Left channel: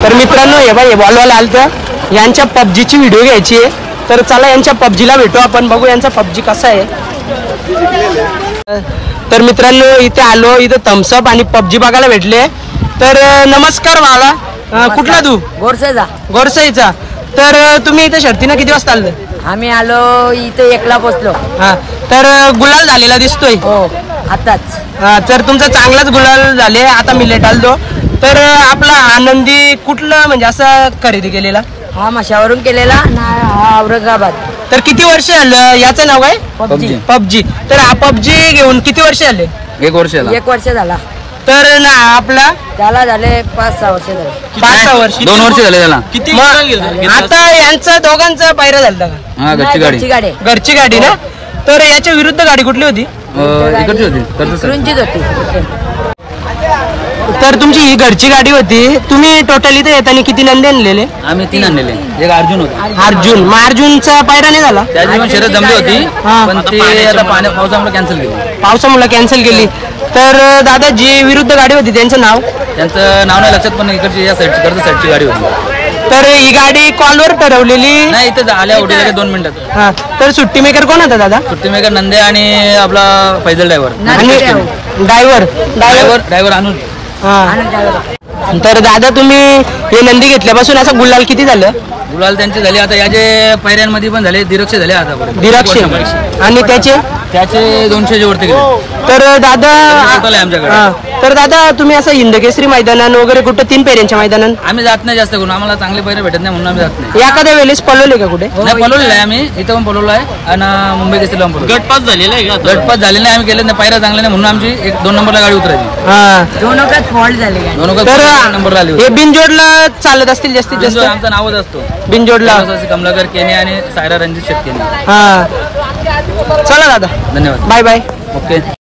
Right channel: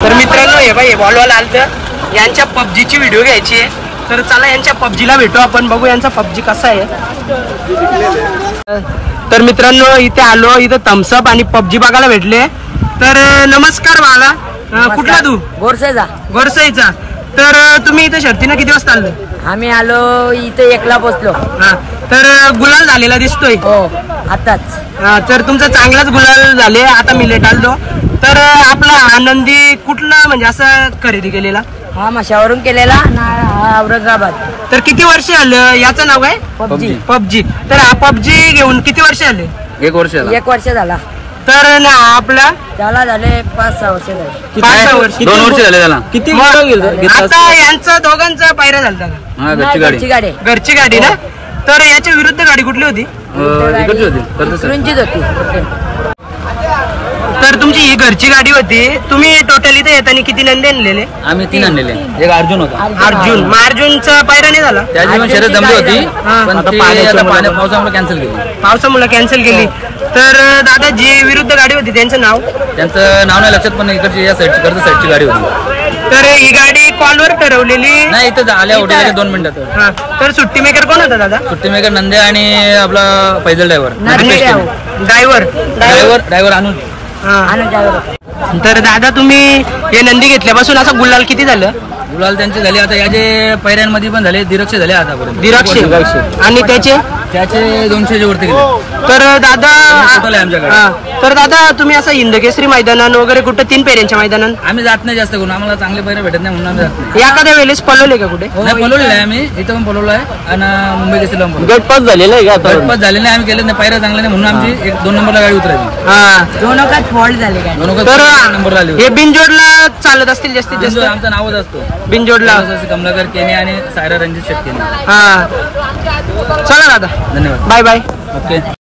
तर मित्रांनो हे भाई बॉलवाला आलतं, यांच्या पबजीची व्हिडिओ घ्यायची आहे. तर चला यांच्या पबजीला भेटू आपण, बघू यांचा पबजी कसा आहे. तर मित्रांनो इथे आलो, इथं थम्सअप आणि पबजी बघायला भेटले. तर नमस्कार भाला, कुठला तू? गोरसेचा. गोरसाईचा. तर तुम्ही इथे शर्तीनं किती वाजता आले? आम्ही आलो इथे 1 ला पोचलो. हा, तर गुलाल झालेला दिसतोय. हो आताच. हा, तर तुमचा चांगलाच गुलाल झाले. आता मी लेट आलो. तर आपला आनंदी कुठलं म्हणजे असं खरेदी केलेला? हा मशावरून केलेला ना, हा औरंगाबाद. तर किती वर्ष झालं याचं नाव काय? पबजी. पबजी. तर हा पबजी घेऊन किती वर्ष झाले? 1 वर्ष झाला. तर ना आपला त्याला झाले 5-6 वर्ष झाले. 5-6 वर्ष. 2 वर्ष झाले त्याला. किती आता यांचं दोघांचं पायऱ्या झालता का? हा, नाही, घरची गाडी. घरची गाडी ना. तर याच्या विरुद्ध गाडी कुठली होती? इकडची होती. इकडूनचीच होती. तर तुमची ही घरची गाडी होती. तुम्ही टोटल इथे येताना किती नंदी आणलेले? आम्ही 3 आणलेले. एक अर्जुन होता. अर्जुन. मग अर्जुनचा पायरा नाही झाला? त्याची पण शर्यत जमली होती, हा. पण ती आता पावसामुळे कॅन्सल केली. पावसामुळे कॅन्सल केली. तर दादा जी विरुद्ध गाडी होती त्यांचं नाव? त्यांचं नाव नाही लक्षात, पण इकडची या साईडची कर्ज साईडची गाडी होती. तर ही गाडी कॉलवर ठरवलेली? नाही, इथं आल्या होती 2 मिनिटात. हा. तर सुट्टी मेकर कोण होता दादा? सुट्टी मेकर नंदे आणि आपला फैजल ड्रायव्हर. ड्रायव्हर अनुज. तर दादा तुम्ही हे नंदी घेतल्यापासून असं गुलाल किती झालं? गुलाल त्यांचे झाले आता, याचे पैऱ्यांमध्ये पण झाले, दिरक्षे झाले आतापर्यंत. दिरक्षे आणि त्याचे 200च्या वरती गेले. तर दादा टोटल आहे आमच्याकडे. हा. तर दादा तुम्ही असं हिंदकेसरी मैदानात वगैरे कुठं 3 पेऱ्यांच्या मैदानात? आम्ही जात नाही जास्त करून, आम्हाला चांगले पैरे भेटत नाही म्हणून आम्ही जात नाही. एखाद्या वेळेस पळवले का कुठे? नाही, पळवलेलं आहे आम्ही, इथं पण पळवलं आहे आणि मुंबई केसरीला पण पळवलं. गटपास झालेला आहे का? गटपास झाले नाही, आम्ही केलं नाही, पायऱ्या चांगले नाही म्हणून आमची 2 नंबरला गाडी उतरायची. हा. दोनोकात फॉल्ट झाली गाडी. तर 2 नंबरला आली हे बिनजोडला चालत असतील जास्तीत जास्त? आमचं नावच असतो बिनजोडला. कमलाकर केने आणि सायरा रणजित शेटकेने. हा. चला दादा, धन्यवाद. Bye bye. ओके.